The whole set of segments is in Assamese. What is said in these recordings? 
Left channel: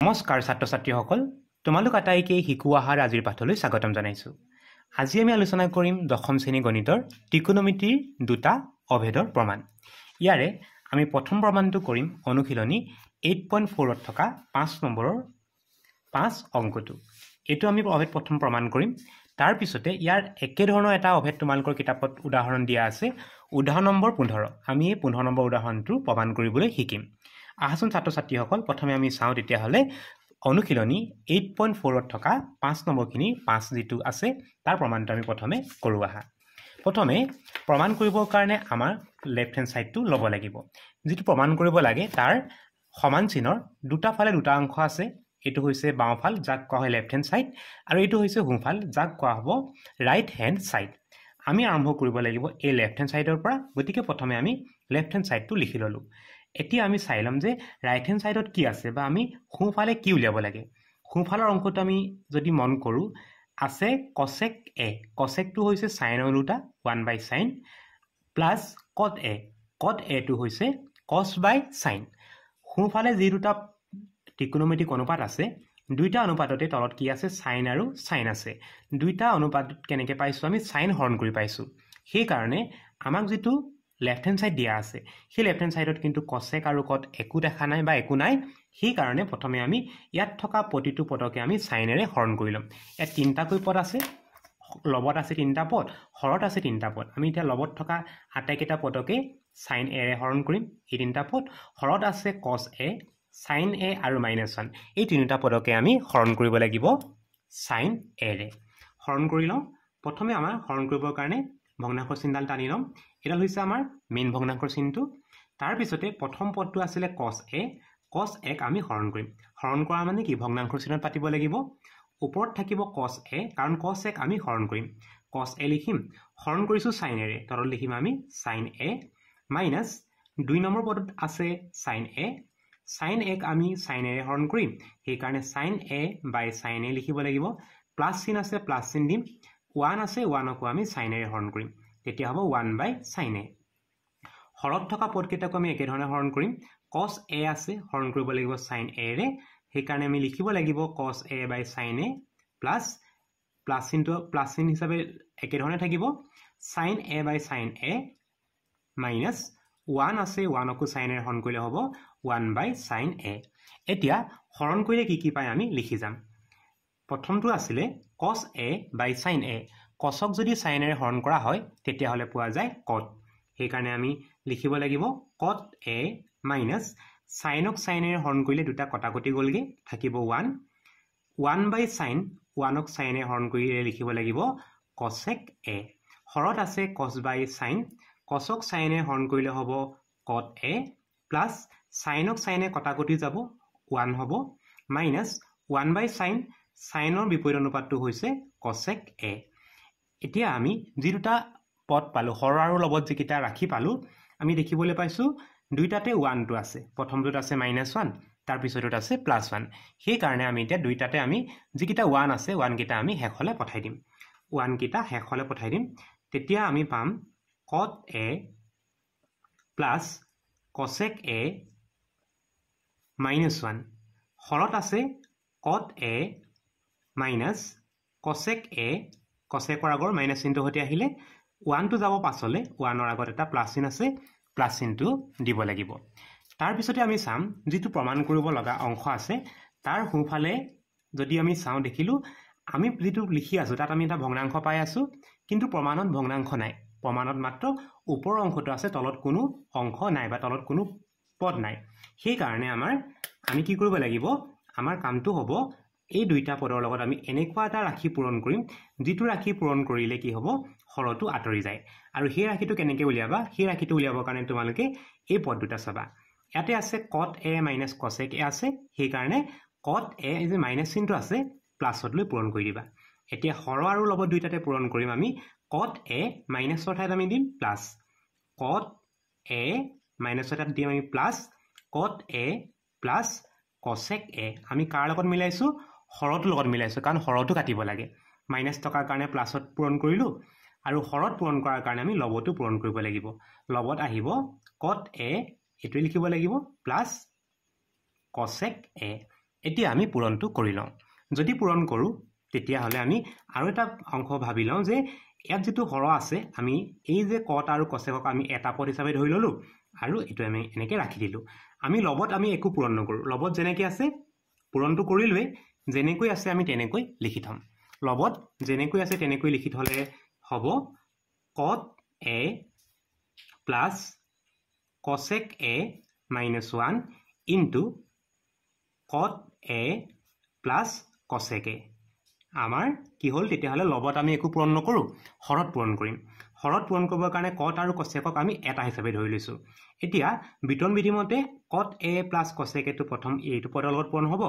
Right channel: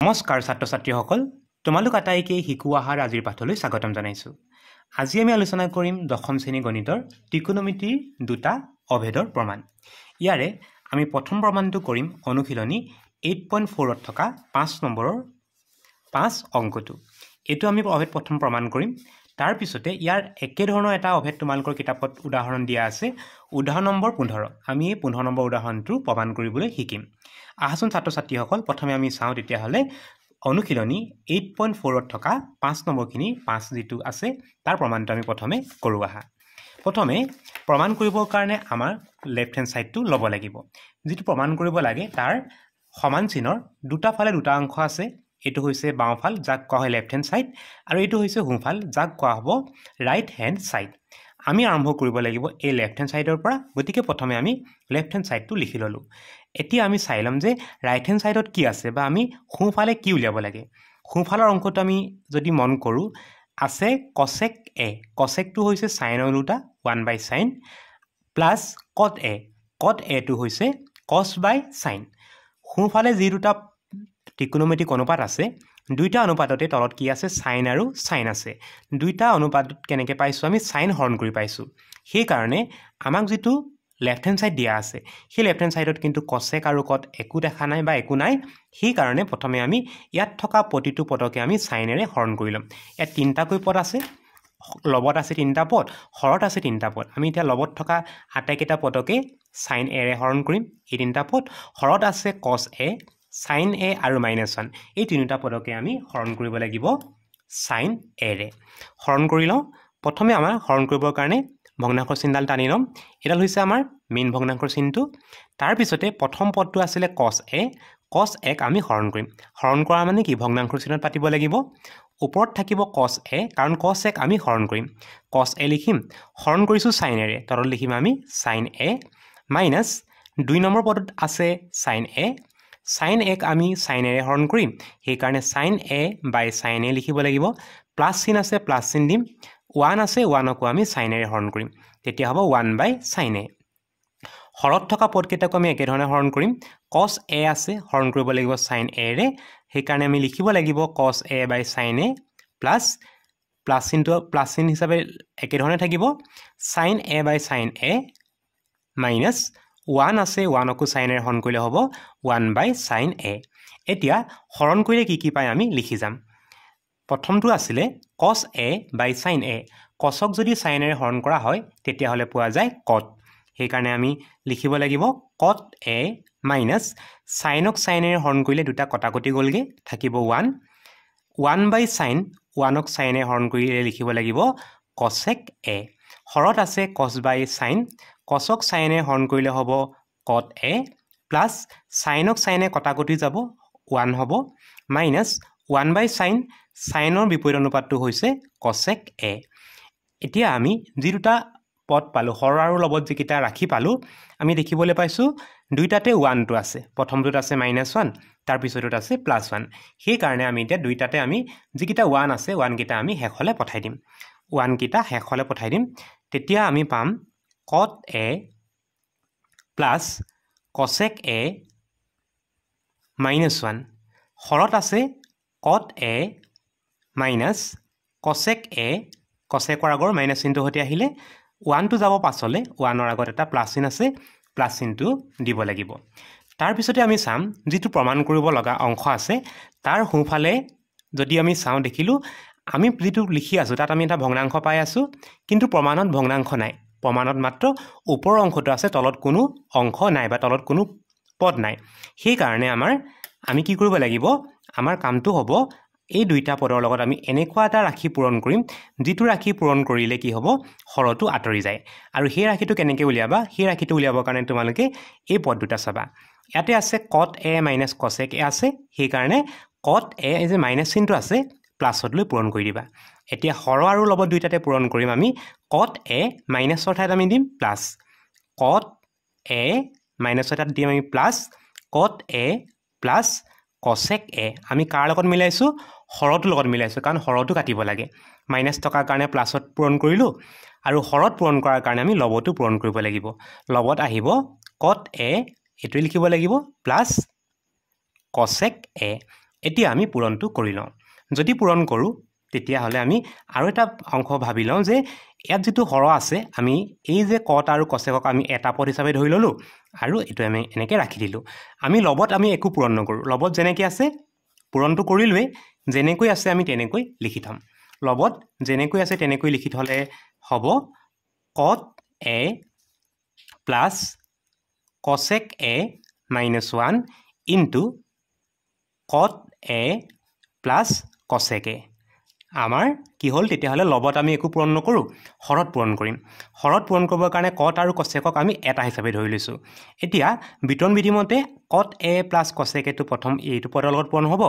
নমস্কাৰ ছাত্ৰ ছাত্ৰীসকল তোমালোক আটাইকে শিকু আহাৰ আজিৰ পাঠলৈ স্বাগতম জনাইছো। আজি আমি আলোচনা কৰিম দশম শ্ৰেণী গণিতৰ ত্ৰিকোণমিতিৰ দুটা অভেদৰ প্ৰমাণ। ইয়াৰে আমি প্ৰথম প্ৰমাণটো কৰিম অনুশীলনী 8.4ত থকা 5 নম্বৰৰ 5 অংকটো। এটো আমি অভেদ প্ৰথম প্ৰমাণ কৰিম। তাৰ পিছতে ইয়াৰ একে ধৰণৰ এটা অভেদ তোমালোকৰ কিতাপত উদাহৰণ দিয়া আছে। উদাহৰণ নম্বৰ 15। আমি এই 15 নম্বৰ উদাহৰণটো প্ৰমাণ কৰিবলৈ শিকিম। আহাচোন ছাত্ৰ ছাত্ৰীসকল প্ৰথমে আমি চাওঁ তেতিয়াহ'লে অনুশীলনী 8.4ত থকা 5 নম্বৰখিনি 5 যেটো আছে তাৰ প্ৰমাণটো আমি প্ৰথমে কৰো আহা। প্ৰথমে প্ৰমাণ কৰিবৰ কাৰণে আমাৰ লেফট হ্যান্ড সাইডটো ল'ব লাগিব। যেটো প্ৰমাণ কৰিব লাগে তাৰ সমান চিনৰ দুটা ফালে দুটা অংশ আছে। এটো হৈছে বাওঁফাল যাক কোৱা হয় লেফট হ্যান্ড সাইড আৰু এটো হৈছে সোঁফাল যাক কোৱা হ'ব ৰাইট হ্যান্ড সাইড। আমি আৰম্ভ কৰিব লাগিব এই লেফট হ্যান্ড সাইডৰ পৰা। গতিকে প্ৰথমে আমি লেফট হ্যান্ড সাইডটো লিখি ললো। এতিয়া আমি চাই লম যে ৰাইট হ্যান্ড সাইডত কি আছে বা আমি সোঁফালে কি উলিয়াব লাগে। সোঁফালৰ অংকটো আমি যদি মন কৰো আছে cosec a। cosecটো হৈছে সাইনৰ উল্টা 1/sin plus cot a। cot a টো হৈছে cos/sin। সোঁফালে যি দুটা ত্ৰিকোণমিতিক অনুপাত আছে দুইটা অনুপাততে তলত কি আছে sin আৰু sin আছে। দুইটা অনুপাতত কেনেকৈ পাইছো আমি sin হৰণ কৰি পাইছো। সেই কাৰণে আমাক যেটো লেফট হ্যান্ড সাইড দিয়া আছে সেই লেফট হ্যান্ড সাইডত কিন্তু cosec আৰু cot একো দেখা নাই বা একো নাই। সেই কাৰণে প্ৰথমে আমি ইয়াত থকা প্ৰতিটো পদকে আমি সাইনেৰে হৰণ কৰি লম। ইয়াত তিনটাকৈ পদ আছে, লবত আছে তিনটা পদ, হৰত আছে তিনটা পদ। আমি এতিয়া লবত থকা আটাইকেইটা পদকে sin a ৰে হৰণ কৰিম এই তিনটা পদ। হৰত আছে cos a, sin a আৰু -1 এই তিনিটা পদকে আমি হৰণ কৰিব লাগিব sin a ৰে। হৰণ কৰি লওঁ। প্ৰথমে আমাৰ হৰণ কৰিবৰ কাৰণে ভগ্নাংশৰ চিহ্নডাল টানি লম। এডাল হৈছে আমাৰ মেইন ভগ্নাংশৰ চিহ্নটো। তাৰ পিছতে প্ৰথম পদটো আছিলে cos a। cos a আমি হৰণ কৰিম। হৰণ কৰা মানে কি ভগ্নাংশৰ চিহ্নত পাতিব লাগিব। ওপৰত থাকিব cos a কাৰণ cos a আমি হৰণ কৰিম। cos a লিখিম, হৰণ কৰিছো sin a ৰে। তলত লিখিম আমি sin a মাইনাস 2 নম্বৰ পদত আছে sin a। sin a আমি sin a ৰে হৰণ কৰিম। সেই কাৰণে sin a by sin a লিখিব লাগিব। প্লাস চিহ্ন আছে প্লাস চিহ্ন দিম। 1 আছে 1কো আমি sin a ৰে হৰণ কৰিম। তেতিয়া হ'ব 1/sin a। হৰত থকা পদকেইটাকো আমি একে ধৰণে হৰণ কৰিম। cos a আছে হৰণ কৰিব লাগিব sin a ৰে। সেই কাৰণে আমি লিখিব লাগিব cos a by sin a plus চিহ্ন হিচাপে একে ধৰণে থাকিব sin a by sin a minus 1 আছে 1কো sin a ৰে হৰণ কৰিলে হ'ব 1/sin a। এতিয়া হৰণ কৰিলে কি কি পাই আমি লিখি যাম। প্ৰথমটো আছিলে cos a by sin a। cosক যদি sin a ৰে হৰণ কৰা হয় তেতিয়া হলে পোৱা যায় cot। সেই কাৰণে আমি লিখিব লাগিব cot a মাইনাস sinক sin a ৰে হৰণ কৰিলে দুটা কটাকটি গলগে থাকিব 1। 1/sin 1ক sin a হৰণ কৰিলে লিখিব লাগিব cosec a। হৰত আছে cos/sin, cosক sin a হৰণ কৰিলে হ'ব cot a প্লাস sinক sin a কটাকটি যাব 1 হ'ব মাইনাস 1/sin সাইনৰ বিপৰীত অনুপাতটো হৈছে cosec a। এতিয়া আমি যি দুটা পদ পালো হৰ আৰু লবত যিকিটা ৰাখি পালো আমি দেখিবলৈ পাইছো দুইটাতে 1টো আছে। প্ৰথমটোত আছে -1 তাৰ পিছতোত আছে +1। সেই কাৰণে আমি এতিয়া দুইটাতে আমি যিকিটা 1 আছে 1 কিটা আমি শেষলৈ পঠাই দিম। 1 কিটা শেষলৈ পঠাই দিম। তেতিয়া আমি পাম cot a plus cosec a -1। হৰত আছে cot a minus cosec a। cosecৰ আগৰ মাইনাস চিহ্নটো হতে আহিলে 1টো যাব পাছলে 1ৰ আগত এটা প্লাস চিহ্ন আছে প্লাস চিহ্নটো দিব লাগিব। তাৰ পিছতে আমি চাম যেটো প্ৰমাণ কৰিব লগা অংশ আছে তাৰ সোঁফালে যদি আমি চাওঁ দেখিলো আমি যেটো লিখি আছো তাত আমি এটা ভগ্নাংশ পাই আছো কিন্তু প্ৰমাণত ভগ্নাংশ নাই। প্ৰমাণত মাত্ৰ ওপৰৰ অংশটো আছে তলত কোনো অংশ নাই বা তলত কোনো পদ নাই। সেই কাৰণে আমি কি কৰিব লাগিব আমাৰ কামটো হ'ব এই দুইটা পদৰ লগত আমি এনেকুৱা এটা ৰাশি পূৰণ কৰিম যেটো ৰাশি পূৰণ কৰিলে কি হ'ব হৰটো আঁতৰি যায়। আৰু সেই ৰাশিটো কেনেকৈ উলিয়াবা সেই ৰাশিটো উলিয়াবৰ কাৰণে তোমালোকে এই পদ দুটা চাবা। ইয়াতে আছে cot a minus cosec a আছে। সেই কাৰণে cot a যে মাইনাস চিহ্নটো আছে প্লাসত লৈ পূৰণ কৰি দিবা। এতিয়া হৰ আৰু লবত দুইটাতে পূৰণ কৰিম আমি cot a মাইনাসৰ ঠাইত আমি দিম প্লাস cot a মাইনাসৰ ঠাইত দিম আমি plus cot a plus cosec a। আমি কাৰ লগত মিলাইছো হৰটো লগত মিলাইছো কাৰণ হৰটো কাটিব লাগে। মাইনাস টকাৰ কাৰণে প্লাসত পূৰণ কৰিলো আৰু হৰত পূৰণ কৰাৰ কাৰণে আমি লবটো পূৰণ কৰিব লাগিব। লবত আহিব cot a এটো লিখিব লাগিব প্লাস cosec a এতিয়া আমি পূৰণটো কৰি লওঁ যদি পূৰণ কৰোঁ তেতিয়াহ'লে আমি আৰু এটা অংশ ভাবি লওঁ যে ইয়াত যিটো হৰ আছে আমি এই যে কট আৰু কচেকক আমি এটা পদ হিচাপে ধৰি ল'লোঁ আৰু এইটো আমি এনেকৈ ৰাখি দিলোঁ আমি লবত আমি একো পূৰণ নকৰোঁ লবত যেনেকৈ আছে পূৰণটো কৰিলোৱে যেনেকৈ আছে আমি তেনেকৈ লিখি থ'ম লবত যেনেকৈ আছে তেনেকৈ লিখি থ'লে হ'ব কট A plus কচেক A minus 1 into কট এ প্লাছ কচেক এ আমাৰ কি হ'ল তেতিয়াহ'লে লবত আমি একো পূৰণ নকৰোঁ হৰত পূৰণ কৰিম হৰত পূৰণ কৰিবৰ কাৰণে কট আৰু কচেকক আমি এটা হিচাপে ধৰি লৈছোঁ এতিয়া বিতৰণ বিধিমতে কট এ প্লাছ কচেক এটো প্ৰথম এইটো পদৰ লগত পূৰণ হ'ব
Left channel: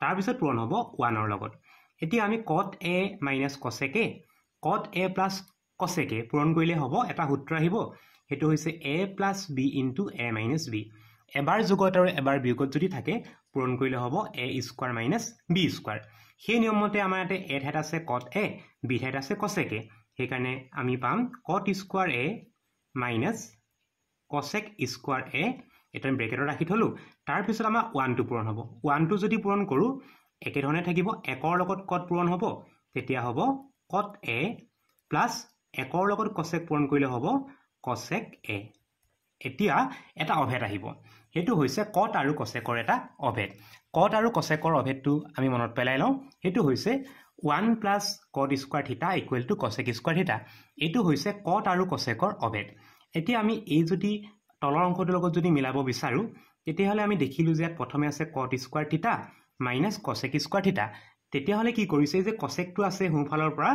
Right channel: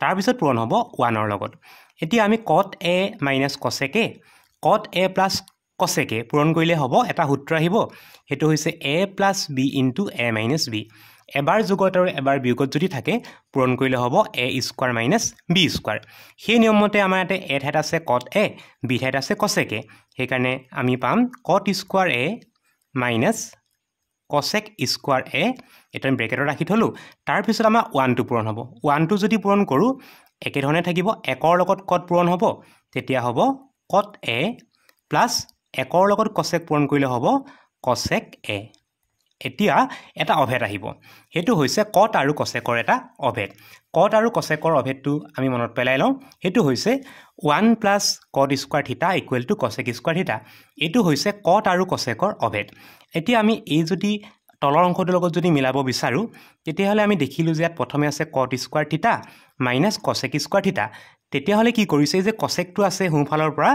তাৰপিছত পূৰণ হ'ব 1ৰ লগত এতিয়া আমি কট এ মাইনাছ কচেক এ কট এ প্লাছ কচেক এ পূৰণ কৰিলে হ'ব এটা সূত্ৰ আহিব সেইটো হৈছে A plus B into a minus B এবাৰ যোগত আৰু এবাৰ বিয়োগত যদি থাকে পূৰণ কৰিলে হ'ব এ স্কোৱাৰ মাইনাছ বি স্কোৱাৰ সেই নিয়মমতে আমাৰ ইয়াতে এ ঠাইত আছে কট এ বি ঠাইত আছে কচেক এ সেইকাৰণে আমি পাম কট স্কোৱাৰ এ মাইনাছ কচেক স্কোৱাৰ এ এটা আমি ব্ৰেকেটত ৰাখি থ'লোঁ তাৰপিছত আমাৰ 1টো পূৰণ হ'ব 1টো যদি পূৰণ কৰোঁ একেধৰণে থাকিব 1ৰ লগত কট পূৰণ হ'ব তেতিয়া হ'ব কট এ প্লাছ 1ৰ লগত কচেক পূৰণ কৰিলে হ'ব কচেক এ এতিয়া এটা অভেদ আহিব সেইটো হৈছে কট আৰু কচেকৰ এটা অভেদ কট আৰু কচেকৰ অভেদটো আমি মনত পেলাই লওঁ সেইটো হৈছে 1 প্লাছ কট স্কোৱাৰ থিটা ইকুৱেল টু কচেক স্কোৱাৰ থিটা এইটো হৈছে কট আৰু কচেকৰ অভেদ এতিয়া আমি এই যদি তলৰ অংশটোৰ লগত যদি মিলাব বিচাৰোঁ তেতিয়াহ'লে আমি দেখিলোঁ যে ইয়াত প্ৰথমে আছে কট স্কোৱাৰ থিটা মাইনাছ কচেক স্কোৱাৰ থিটা তেতিয়াহ'লে কি কৰিছে যে কচেকটো আছে সোঁফালৰ পৰা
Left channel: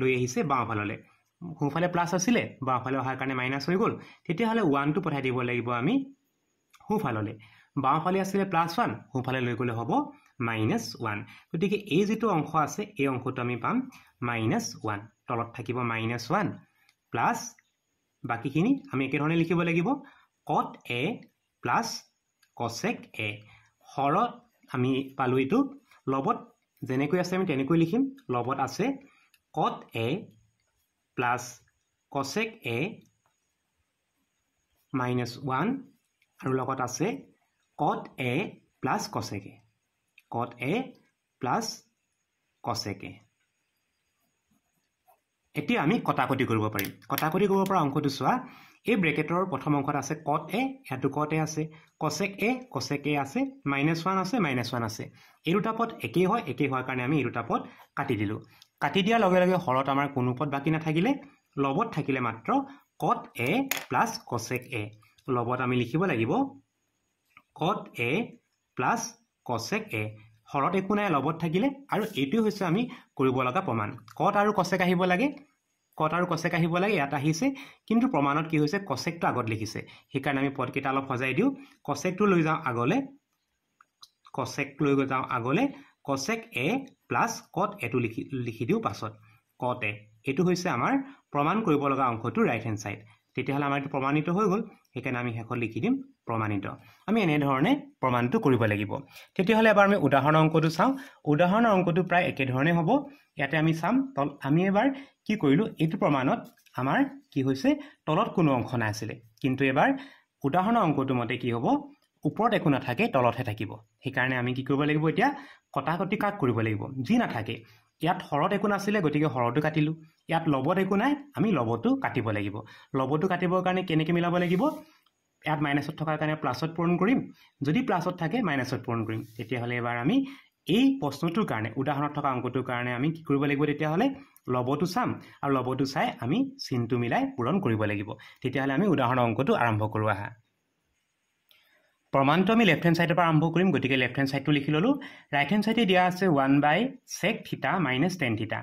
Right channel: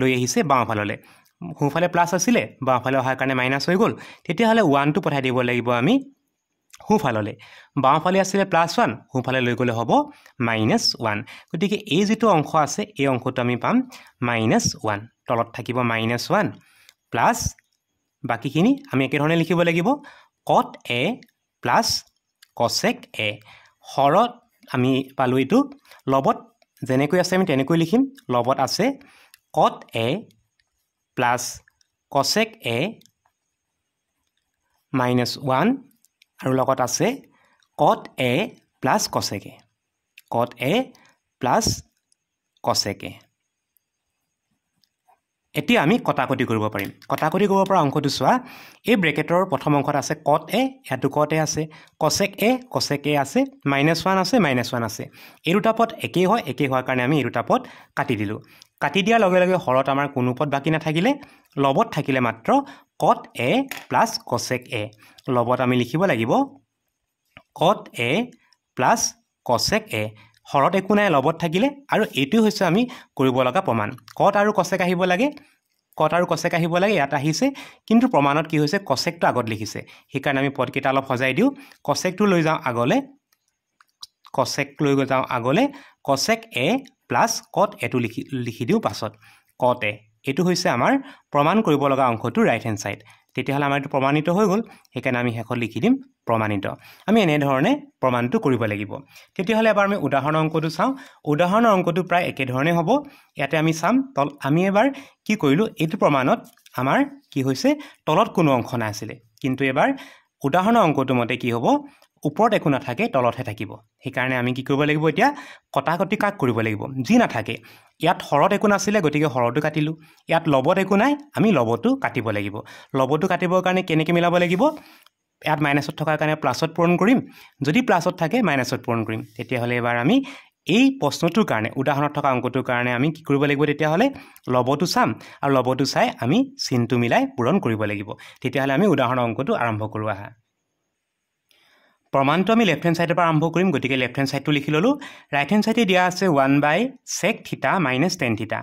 লৈ আহিছে বাওঁফাললৈ সোঁফালে প্লাছ আছিলে বাওঁফালে অহাৰ কাৰণে মাইনাছ হৈ গ'ল তেতিয়াহ'লে 1টো পঠাই দিব লাগিব আমি সোঁফাললৈ বাওঁফালে আছিলে প্লাছ 1 সোঁফালে লৈ গ'লে হ'ব মাইনাছ 1 গতিকে এই যিটো অংশ আছে এই অংশটো আমি পাম মাইনাছ 1 তলত থাকিব মাইনাছ 1 প্লাছ বাকীখিনি আমি একেধৰণে লিখিব লাগিব কট এ প্লাছ কচেক এ হৰত আমি পালোঁ এইটো লবত যেনেকৈ আছে আমি তেনেকৈ লিখিম লবত আছে কট এ প্লাছ কচেক এ মাইনাছ 1 আৰু লগত আছে কট এ প্লাছ কচেক এ কট এ প্লাছ কচেক এ এতিয়া আমি কটাকটি কৰিব পাৰিম কটাকটি কৰিব পৰা অংশটো চোৱা এই ব্ৰেকেটৰ প্ৰথম অংশত আছে কট এ ইয়াতো কট এ আছে কচেক এ আছে মাইনাছ 1 আছে মাইনাছ 1 আছে এই দুটা পদ একেই হয় একেই হোৱাৰ কাৰণে আমি এই দুটা পদ কাটি দিলোঁ কাটি দিয়াৰ লগে লগে হৰত আমাৰ কোনো পদ বাকী নাথাকিলে লবত থাকিলে মাত্ৰ কট এ প্লাছ কচেক এ লবত আমি লিখিব লাগিব কট এ প্লাছ কচেক এ হৰত একো নাই লবত থাকিলে আৰু এইটো হৈছে আমি কৰিব লগা প্ৰমাণ কট আৰু কচেক আহিব লাগে ইয়াত আহিছে কিন্তু প্ৰমাণত কি হৈছে কচেকটো আগত লিখিছে সেইকাৰণে আমি পদকেইটা অলপ সজাই দিওঁ কচেকটো লৈ যাওঁ আগলৈ কচেক এ প্লাছ কট এটো লিখি দিওঁ পাছত কট এ এইটো হৈছে আমাৰ প্ৰমাণ কৰিব লগা অংশটো ৰাইট হেণ্ড ছাইড তেতিয়াহ'লে আমাৰ এইটো প্ৰমাণিত হৈ গ'ল সেইকাৰণে আমি শেষত লিখি দিম প্ৰমাণিত আমি এনেধৰণে প্ৰমাণটো কৰিব লাগিব তেতিয়াহ'লে এবাৰ আমি উদাহৰণৰ অংকটো চাওঁ উদাহৰণৰ অংকটো প্ৰায় একেধৰণে হ'ব ইয়াতে আমি চাম আমি এবাৰ কি কৰিলোঁ এইটো প্ৰমাণত আমাৰ কি হৈছে তলত কোনো অংশ নাছিলে কিন্তু এবাৰ উদাহৰণৰ অংকটো মতে কি হ'ব ওপৰত একো নাথাকে তলতহে থাকিব সেইকাৰণে আমি কি কৰিব লাগিব এতিয়া কটাকটি কাক কৰিব লাগিব যি নাথাকে ইয়াত হৰত একো নাছিলে গতিকে হৰটো কাটিলোঁ ইয়াত লবত একো নাই আমি লবটো কাটিব লাগিব লবটো কাটিবৰ কাৰণে কেনেকৈ মিলাব লাগিব ইয়াত মাইনাছত থকাৰ কাৰণে প্লাছত পূৰণ কৰিম যদি প্লাছত থাকে মাইনাছত পূৰণ কৰিম তেতিয়াহ'লে এবাৰ আমি এই প্ৰশ্নটোৰ কাৰণে উদাহৰণত থকা অংকটোৰ কাৰণে আমি কি কৰিব লাগিব তেতিয়াহ'লে লবটো চাম আৰু লবটো চাই আমি চিনটো মিলাই পূৰণ কৰিব লাগিব তেতিয়াহ'লে আমি উদাহৰণৰ অংকটো আৰম্ভ কৰোঁ আহা প্ৰমাণটো আমি লেফ্ট হেণ্ড ছাইডৰ পৰা আৰম্ভ কৰিম গতিকে লেফ্ট হেণ্ড ছাইডটো লিখি ল'লোঁ ৰাইট হেণ্ড ছাইডে দিয়া আছে 1/sec থিটা মাইনাছ টেন থিটা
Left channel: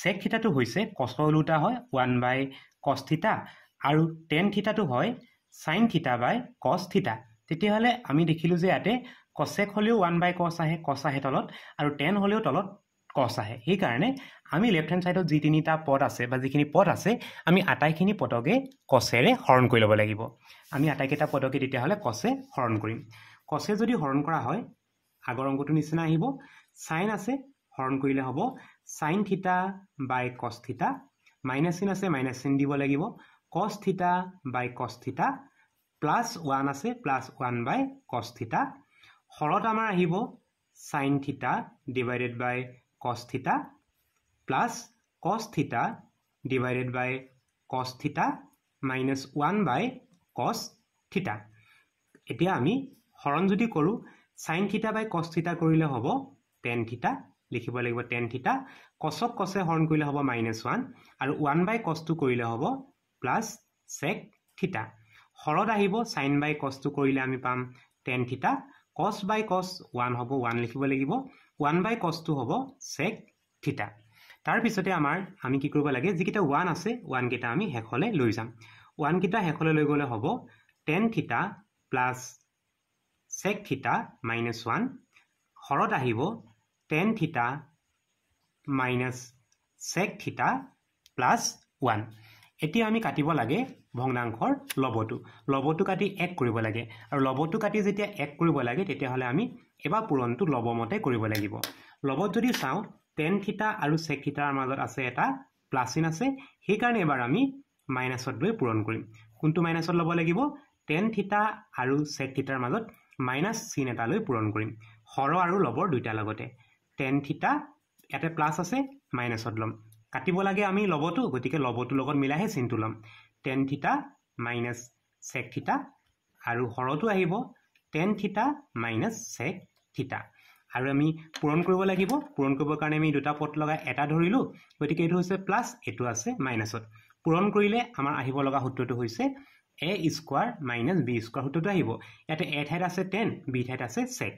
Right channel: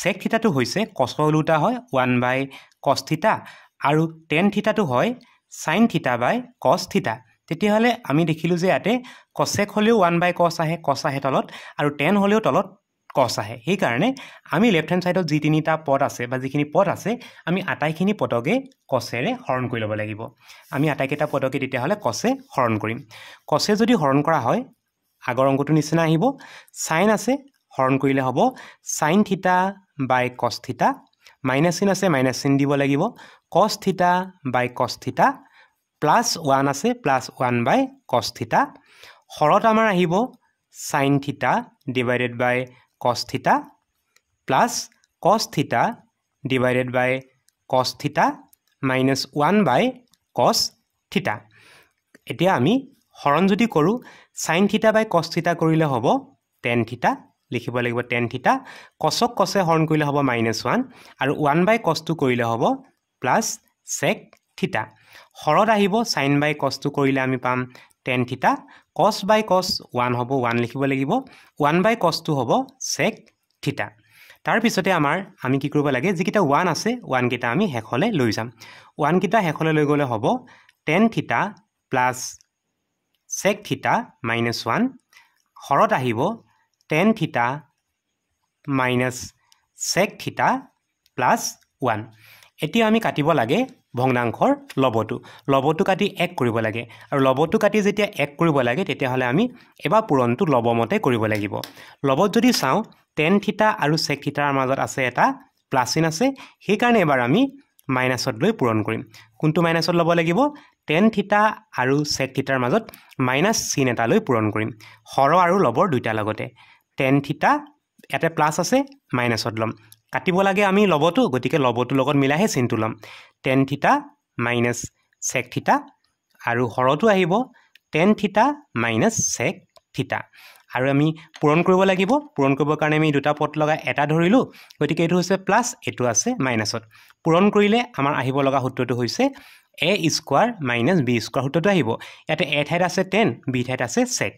চেক থিটাটো হৈছে কচৰ ওলোটা হয় 1/cos থিটা আৰু টেন থিটাটো হয় sine theta by cos theta তেতিয়াহ'লে আমি দেখিলোঁ যে ইয়াতে কচেক হ'লেও 1/cos আহে কস আহে তলত আৰু টেন হ'লেও তলত কস আহে সেইকাৰণে আমি লেফ্ট হেণ্ড ছাইডত যি তিনিটা পদ আছে বা যিখিনি পদ আছে আমি আটাইখিনি পদকে কচেৰে হৰণ কৰি ল'ব লাগিব আমি আটাইকেইটা পদকে তেতিয়াহ'লে কচে হৰণ কৰিম কচে যদি হৰণ কৰা হয় আগৰ অংকটোৰ নিচিনা আহিব সাইন আছে হৰণ কৰিলে হ'ব sine theta by cos theta minus চিন আছে মাইনাছ চিন দিব লাগিব cos থিটা বাই cos থিটা প্লাছ 1 আছে প্লাছ 1/cos থিটা হৰত আমাৰ আহিব sin theta divided by cos theta plus cos theta divided by cos theta minus 1 by cos theta. এতিয়া আমি হৰণ যদি কৰো sin theta by cos theta কৰিলে হ'ব tan theta লিখিব লাগিব tan theta cosক cosে হৰণ কৰিলে হ'ব -1 আৰু 1 by cos টো কৰিলে হ'ব plus sec theta. হৰত আহিব sin by cos টো কৰিলে আমি পাম tan theta cos by cos 1 হ'ব 1 লিখিব লাগিব 1 by cos টো হ'ব sec theta. তাৰ পিছতে আমি কি কৰিব লাগে যিকিটা 1 আছে 1 কিটা আমি হেখলে লৈ যাম 1 কিটা হেখলে লৈ গলে হ'ব tan theta plus sec theta minus 1 হৰত আহিব tan theta minus sec theta plus 1. এতিয়া আমি কাটিব লাগে ভগ্নাংশৰ লবটো কাটি 1 কৰিব লাগে আৰু লবটো কাটি যেতিয়া 1 কৰিব লাগে তেতিয়া হলে আমি এবা পূৰণটো লবমতে কৰিব লাগিব লবত যদি চাও tan theta আৰু sec theta ৰ মাজত আছে এটা প্লাস চিন আছে সেই কাৰণে এবাৰ আমি মাইনাসত লৈ পূৰণ কৰিম কোনটো মাইনাসত লব লাগিব tan theta আৰু sec theta ৰ মাজত মাইনাস চিন এটা লৈ পূৰণ কৰিম হৰ আৰু লবৰ দুইটা লগতে tan theta ইয়াতে প্লাস আছে মাইনাসত লম কাটিব লাগে আমি লবটো গতিকে লবটো লগত মিলাহে চিনটো লম tan theta minus sec theta আৰু হৰটো আহিব tan theta minus sec theta আৰু আমি পূৰণ কৰিব লাগিব পূৰণ কৰিবৰ কাৰণে আমি দুটা পদ লগাই এটা ধৰিলো গতিকে এটো হৈছে প্লাস এটো আছে মাইনাসত পূৰণ কৰিলে আমাৰ আহিব লগা সূত্ৰটো হৈছে a square minus b square সূত্ৰটো আহিব ইয়াতে a ঠাইত আছে tan b ঠাইত আছে sec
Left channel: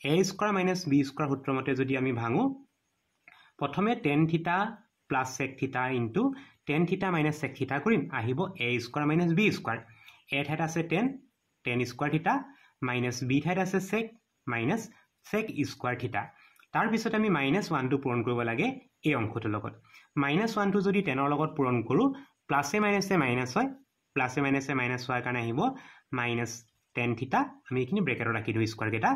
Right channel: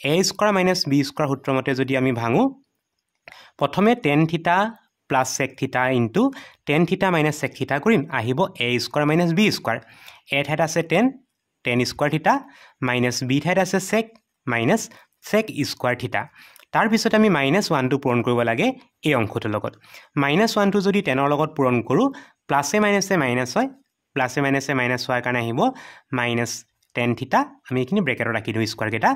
a square minus b square সূত্ৰমতে যদি আমি ভাঙো প্ৰথমে tan theta plus sec theta into tan theta minus sec theta কৰিম আহিব a square minus b square a ঠাইত আছে tan square theta minus b ঠাইত আছে sec minus sec square theta তাৰ পিছত আমি -1 টো পূৰণ কৰিব লাগে এই অংশটোৰ লগত -1 টো যদি 10 ৰ লগত পূৰণ কৰো প্লাসে মাইনাসে মাইনাস হয় প্লাসে মাইনাসে মাইনাস হোৱাৰ কাৰণে আহিব -tan theta আমি এখিনি ব্ৰেকেটত ৰাখি দিও স্কয়াৰ কেটা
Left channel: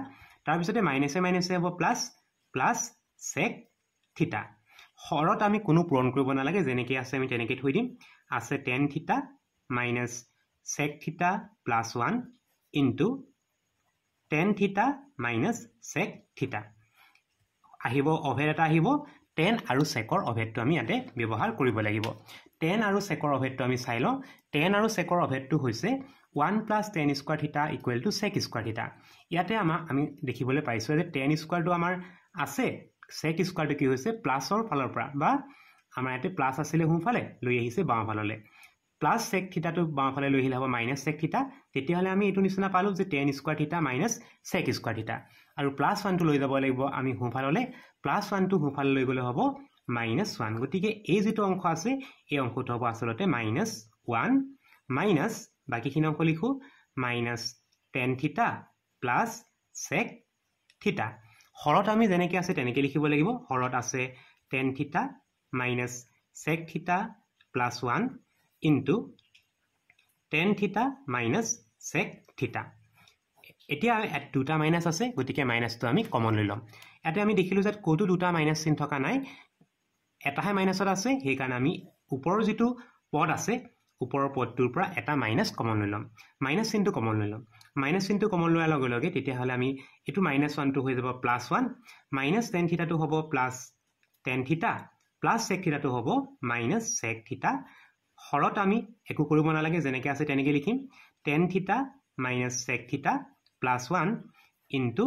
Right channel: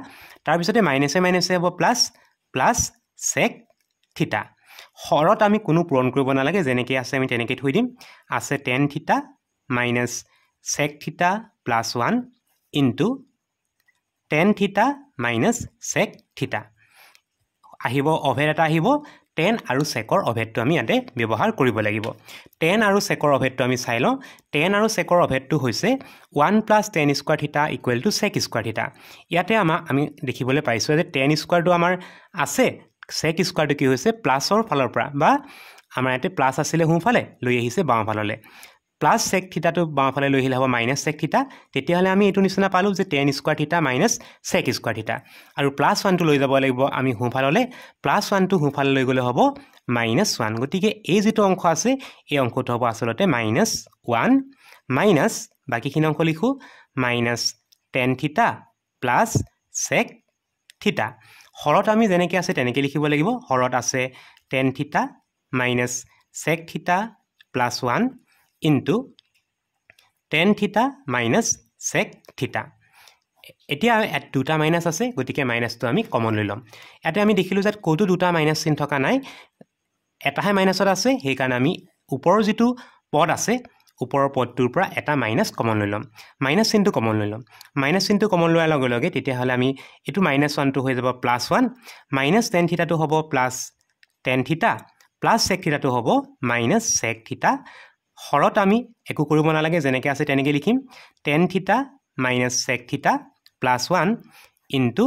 তাৰ পিছতে মাইনাসে মাইনাসে হ'ব প্লাস sec theta হৰত আমি কোনো পূৰণ কৰিব নালাগে যেনেকৈ আছে আমি তেনেকৈ থৈ দিম আছে tan theta minus sec theta plus 1 into tan theta minus sec theta আহিব অভেদ এটা আহিব tan আৰু secৰ অভেদটো আমি ইয়াতে ব্যৱহাৰ কৰিব লাগিব tan আৰু secৰ অভেদটো আমি চাই লওঁ tan আৰু secৰ অভেদটো হৈছে 1 plus tan square theta equal to sec square theta ইয়াতে আমি দেখিবলৈ পাইছো যে tan square টো আমাৰ আছে sec square টো কি হৈছে প্লাসৰ ফালৰ পৰা বা আমাৰ ইয়াতে প্লাস আছিল হুফালে লৈ আহিছে বাম ফাললে প্লাস sec theta টো বাম ফালে লৈ আহিলে হ'ব minus sec theta তেতিয়া হলে আমি এটো নিচিনা পালো যে tan square theta minus sec square theta আৰু প্লাস 1 টো লৈ যাব লাগিব আমি হুফাললে প্লাস 1 টো হুফালে লৈ গলে হ'ব -1 গতিকে এই যেটো অংশ আছে এই অংশটো হ'ব আসলতে -1 মাইনাস বাকিখিনি অংশ লিখো -tan theta plus sec theta হৰত আমি যেনেকৈ আছে তেনেকৈ লিখিব লাগিব হৰত আছে tan theta minus sec theta plus 1 into tan theta minus sec theta এতিয়া দুটা মাইনাস আছে গতিকে মাইনাসটো আমি কমন লৈ লম ইয়াতে আমি দেখিলো যে কোটো দুটা মাইনাস চিন থকা নাই এটাহে মাইনাসত আছে সেই কাৰণে আমি ওপৰৰ যেটো পদ আছে ওপৰৰ পদটোৰ পৰা এটা মাইনাস কমন লৈ লম মাইনাস চিনটো কমন লৈ লম মাইনাস চিনটো কমন লোৱাৰ লগে লগে তেতিয়া হলে আমি এটো -1 টো হৈ যাব +1 minus tan theta টো হ'ব tan theta plus sec theta টো হ'ব sec theta হৰত আমি একো কৰিব নালাগে যেনেকৈ আছে তেনেকৈ লিখিম tan theta minus sec theta plus 1 into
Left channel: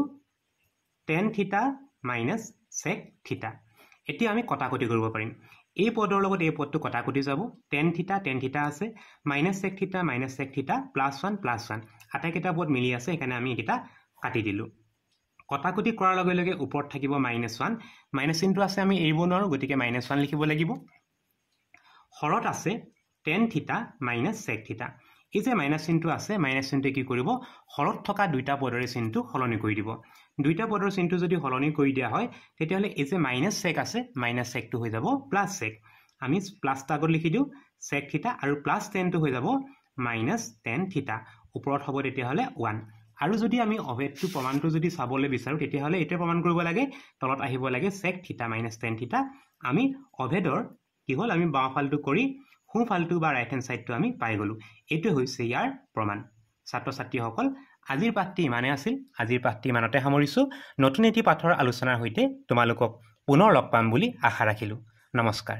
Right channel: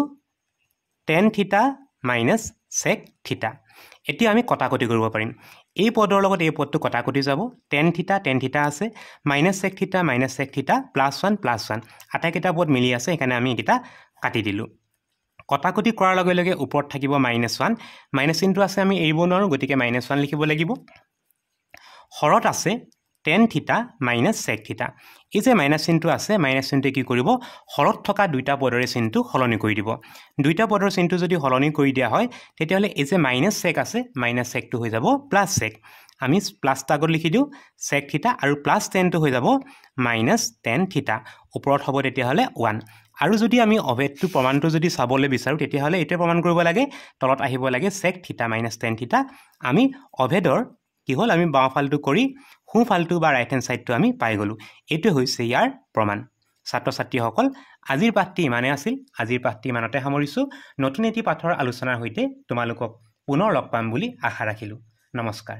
tan theta minus sec theta এতিয়া আমি কটাকটি কৰিব পাৰিম এই পদৰ লগত এই পদটো কটাকটি যাব tan theta আছে -sec theta plus 1 আটাইকেইটা পদ মিলি আছে এখানে আমি এটা কাটি দিলো কটাকটি কৰাৰ লগে লগে ওপৰত থাকিব -1 মাইনাস চিনটো আছে আমি এইব নোৱাৰো গতিকে -1 লিখিব লাগিব হৰত আছে tan theta minus sec theta এই যে মাইনাস চিনটো আছে মাইনাস চিনটো কি কৰিব হৰত থকা দুইটা পদৰে চিনটো হলনি কৰি দিব দুইটা পদৰ চিনটো যদি হলনি কৰি দিয়া হয় তেতিয়া হলে এই যে -sec আছে -sec টো হৈ যাব +sec আমি প্লাস আগত লিখি দিও sec theta আৰু +tan টো হৈ যাব -tan theta ওপৰত হ'ব তেতিয়া হলে 1 আৰু যদি আমি অভেদটো প্ৰমাণটো যদি চাবলৈ বিচাৰো তেতিয়া হলে এটো প্ৰমাণ কৰিব লাগে তলত আহিব লাগে sec theta -tan theta আমি অভেদৰ কি হল আমি বাও ফালটো কৰি হু ফালটো বা ৰাইট হ্যান্ড সাইডটো আমি পাই গলো এটো হৈছে ইয়াৰ প্ৰমাণ ছাত্ৰ ছাত্ৰী সকল আজিৰ পাঠটি ইমানে আছিল। আজিৰ পাঠটি ইমানতে সামৰিছোঁ। নতুন এটি পাঠৰ আলোচনাৰ সৈতে তোমালোকক পুনৰ লগ পাম বুলি আশা ৰাখিলোঁ। নমস্কাৰ।